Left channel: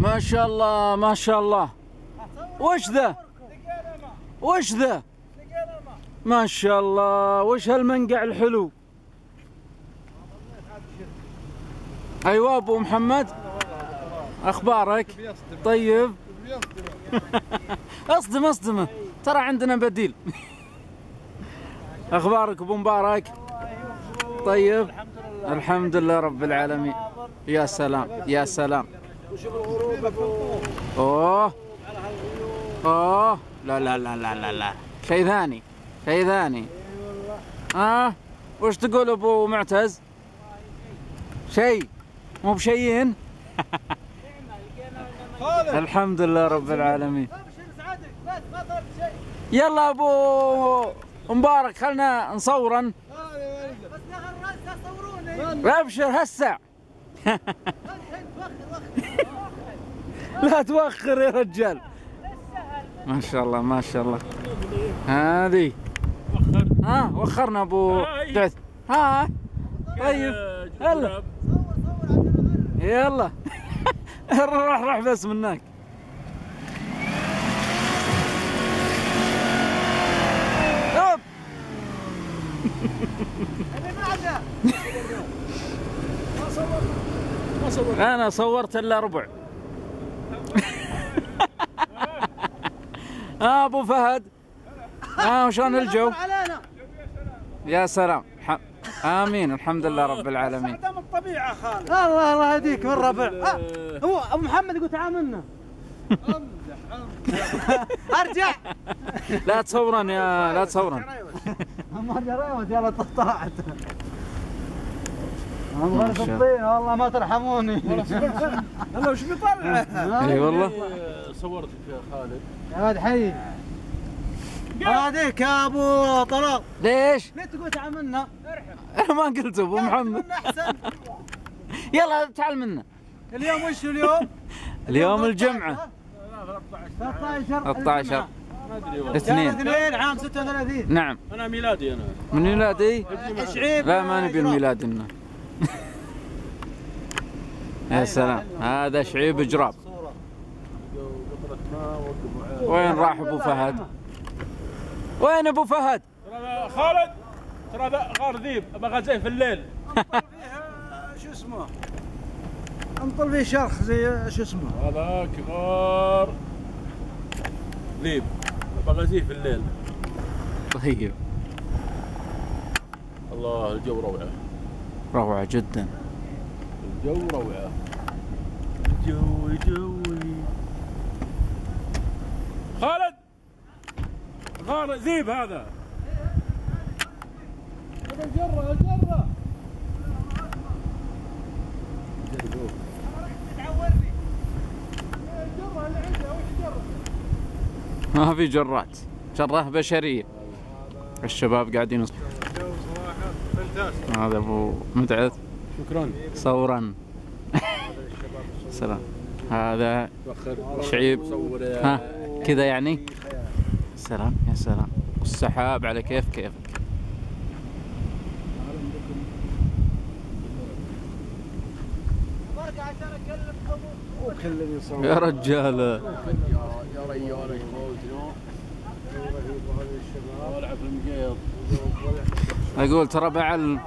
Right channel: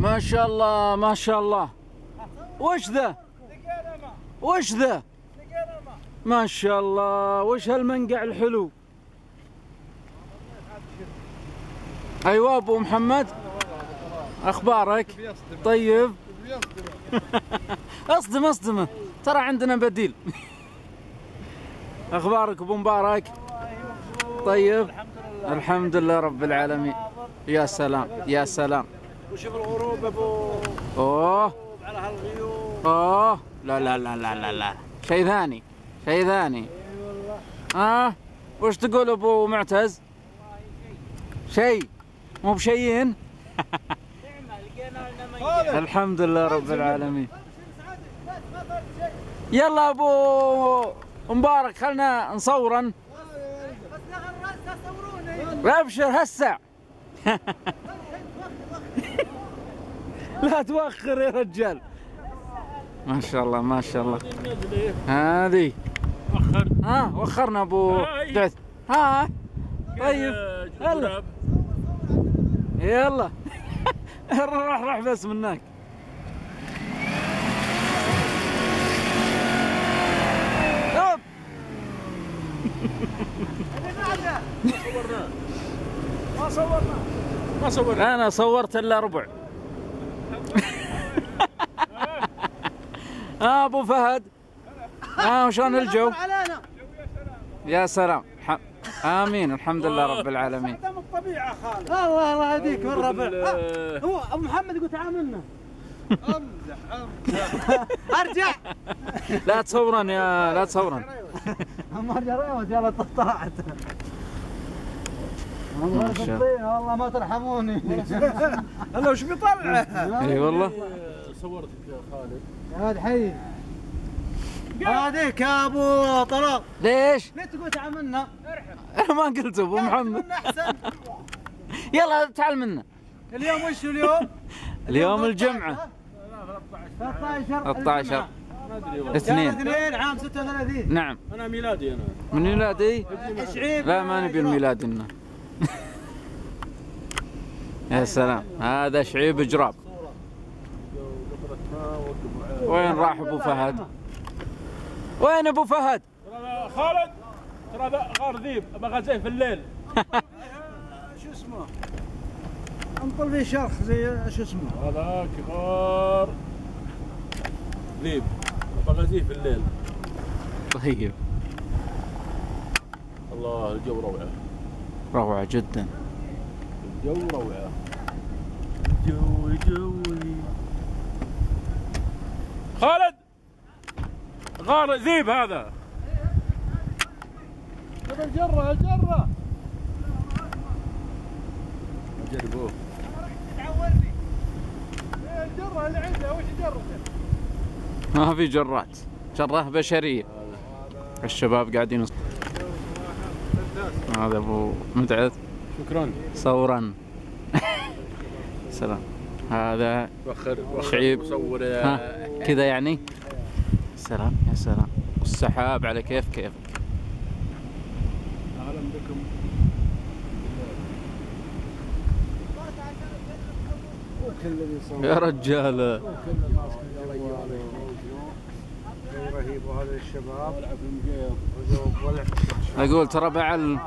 ما شاء الله ما شاء الله. وش ذا؟ وش ذا؟ ما شاء الله. وش هالمنقع الحلو؟ ايوه ابو محمد، اخبارك؟ طيب. اصدمه ترى عندنا بديل. اخبارك ابو مبارك؟ طيب الحمد لله رب العالمين. يا سلام يا سلام. وشوف الغروب ابو. اوه على هالغيوم. اوه لا لا لا لا لا لا، شيء ثاني شيء ثاني. اي والله. وش تقول ابو معتز؟ شيء مو بشيئين. الحمد لله رب العالمين. يلا ابو مبارك خلنا نصورن. ابشر هسه. لا توخر يا رجال. ما شاء الله ما شاء الله. هذه وخرنا ابو دعث. طيب يلا يلا. راح بس منك. ما صورنا. انا صورت الا ربع. ابو فهد وشلون الجو؟ يا سلام. امين الحمد لله رب العالمين. من الطبيعه خالد. الله يهديك من ربع. هو ابو محمد يقول تعاملنا. امزح. ارجع. لا تصورن لا تصورن. ما ارجع ريوت يلا طلعت. والله ما ترحموني. هلا وش بيطلع؟ اي والله. صورتك يا خالد. يا ولد حي. هذيك يا ابو طلال. ليش؟ ليه تقول تعال منا؟ انا ما قلت ابو محمد. يلا تعال منا. اليوم وش اليوم؟ اليوم الجمعة. 13 2 عام 36. نعم. انا ميلادي انا. من ميلادي؟ شعيب. لا ما نبي الميلاد لنا. يا سلام هذا شعيب جراب. وين راح ابو فهد؟ وين ابو فهد؟ خالد ترى غار ذيب بغزيه في الليل. شو اسمه؟ انطل فيه شرخ زي شو اسمه؟ هذاك غار ذيب بغزيه في الليل. طيب. الله الجو روعه. روعة جدا. الجو روعه. الجو جوي. خالد غار ذيب هذا. هذا الجرة الجرة. جربوه. تعورني. الجرة اللي عندها وش جرته؟ ما في جرات، جرة بشرية. الشباب قاعدين. هذا ابو مدعث. شكرا. صورا. سلام. هذا شعيب. كذا يعني. سلام يا سلام. والسحاب على كيفك. يا رجال. يا ريال رهيب. وهذا الشباب ولع في المقيض. اقول ترى بعل.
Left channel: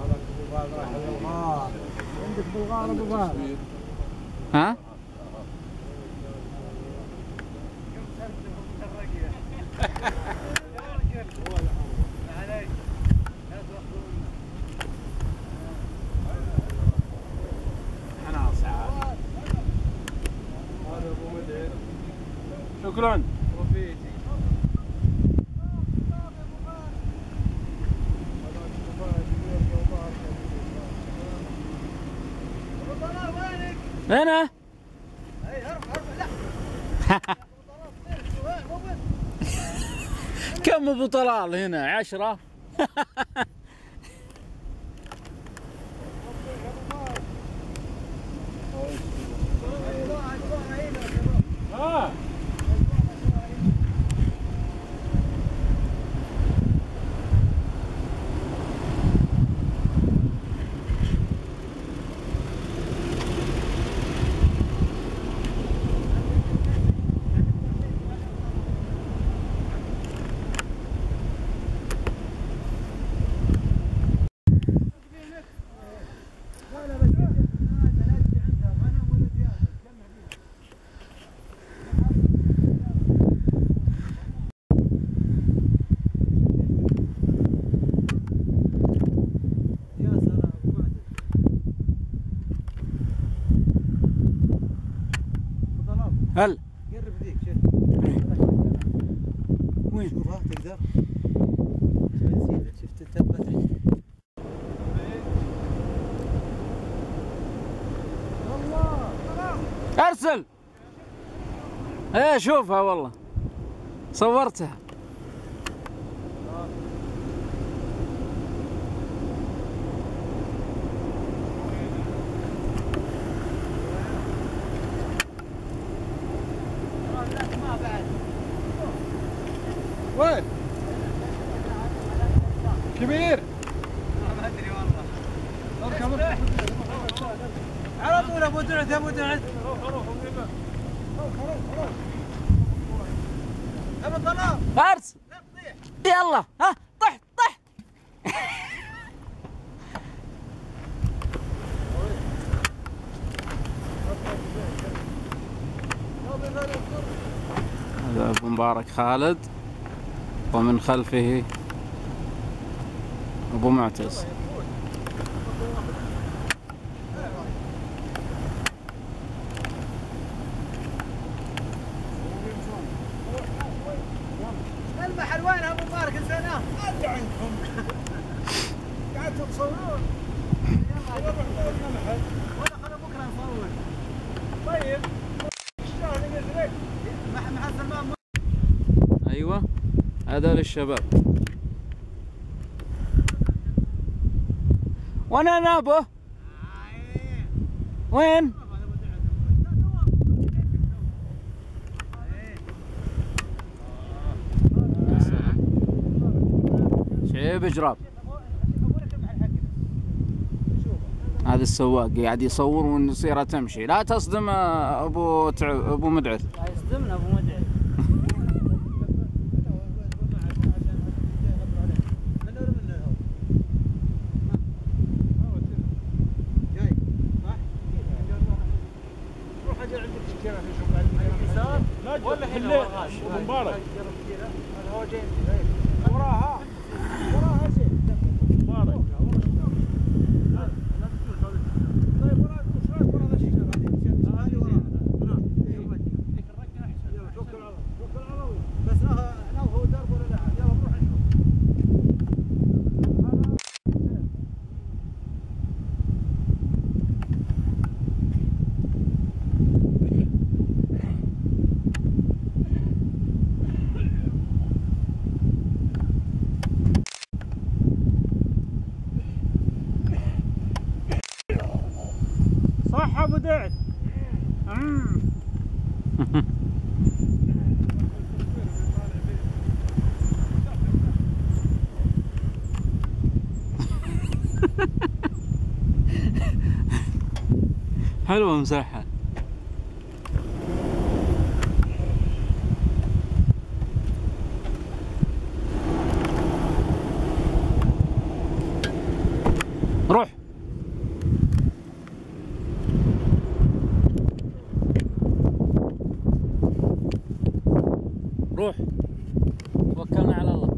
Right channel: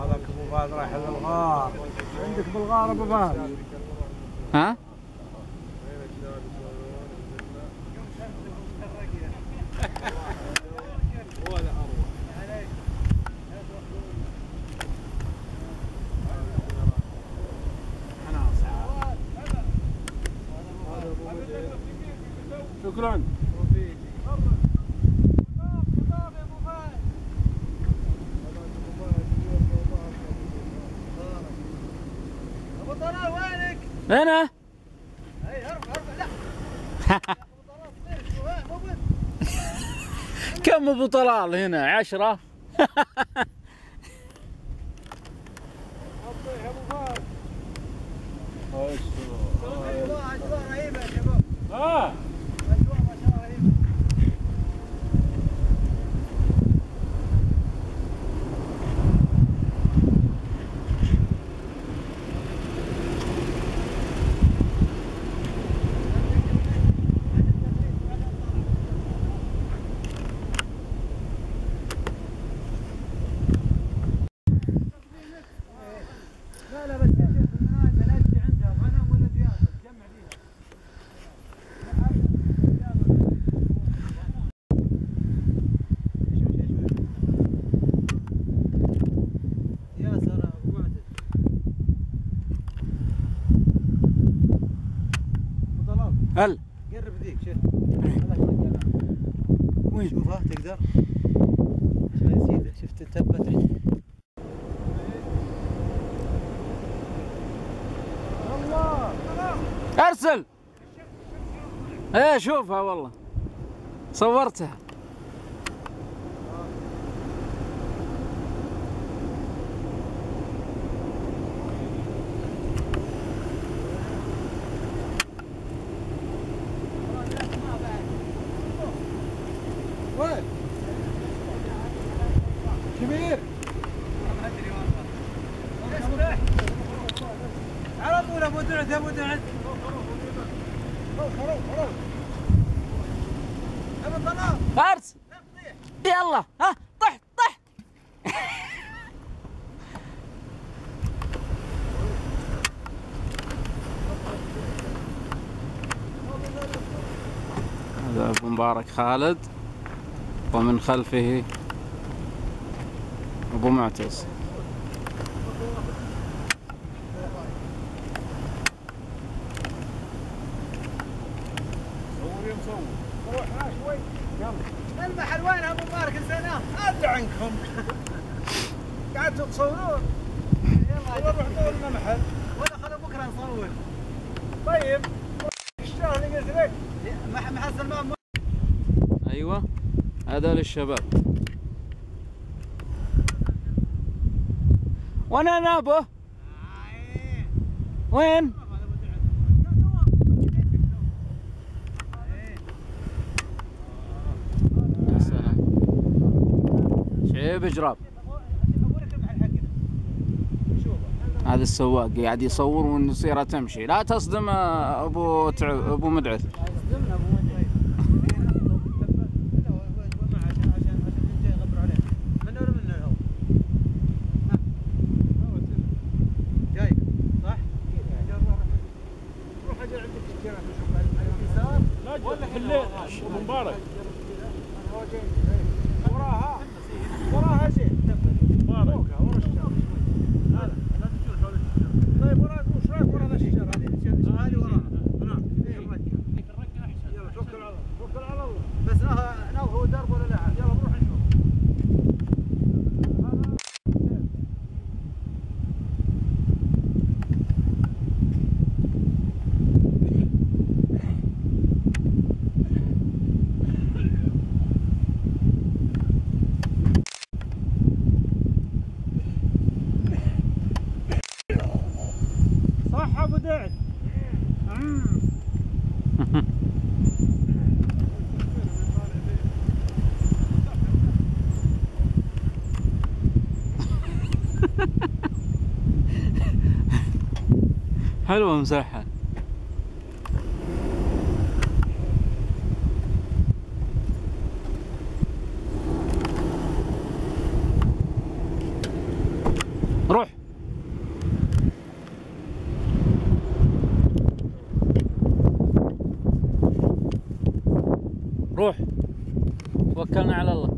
هذاك ابو فهد رايح للغار. عندك بالغار ابو فهد. ها؟ شكرا. ابو طلال وينك؟ انا. اي ارفع لا. كم ابو طلال هنا؟ 10. هل قرب ذيك شوف. إيه. وين؟ شوفها تقدر. شوف سيده شفت التبه تحت. الله ارسل. ايه شوفها والله صورتها. وين؟ كبير؟ ما ادري والله. على طول ابو دعد ابو دعد. ابو طلال ارسل. لا تطيح. يلا ها طحت طحت. هذا ابو مبارك خالد ومن خلفه ابو معتز. المحل وين ابو مبارك نسيناه؟ ادري عنكم. قعدتوا تصورون. يلا نروح نصور المحل. ولا خلوا بكره نصور. طيب الشهر اللي قلت لك محل سلمان. ايوه هذا للشباب. وانا نابه وين؟ يا سلام شعيب جراب. هذا السواق قاعد يصور والسيارة تمشي. لا تصدم ابو مدعث. يصدمنا ابو مدعي. منه ولا منه هو؟ جاي صح؟ روح اجل عندك الشجره نشوف بعد اليسار. لا في الليل ابو مبارك. هو جاي وراها وراها زين. ابو مبارك. ورا الشجره. لا لا تجون حول الشجره. طيب وراك وش رايك ورا ذا الشجره هذه وراها. هناك ذيك الرقه احسن. يلا توكل على الله توكل على الله. بس ناوي هو درب ولا لا؟ يلا بنروح نشوف. صح ابو دعد. حلوة مساحة. روح روح توكلنا على الله.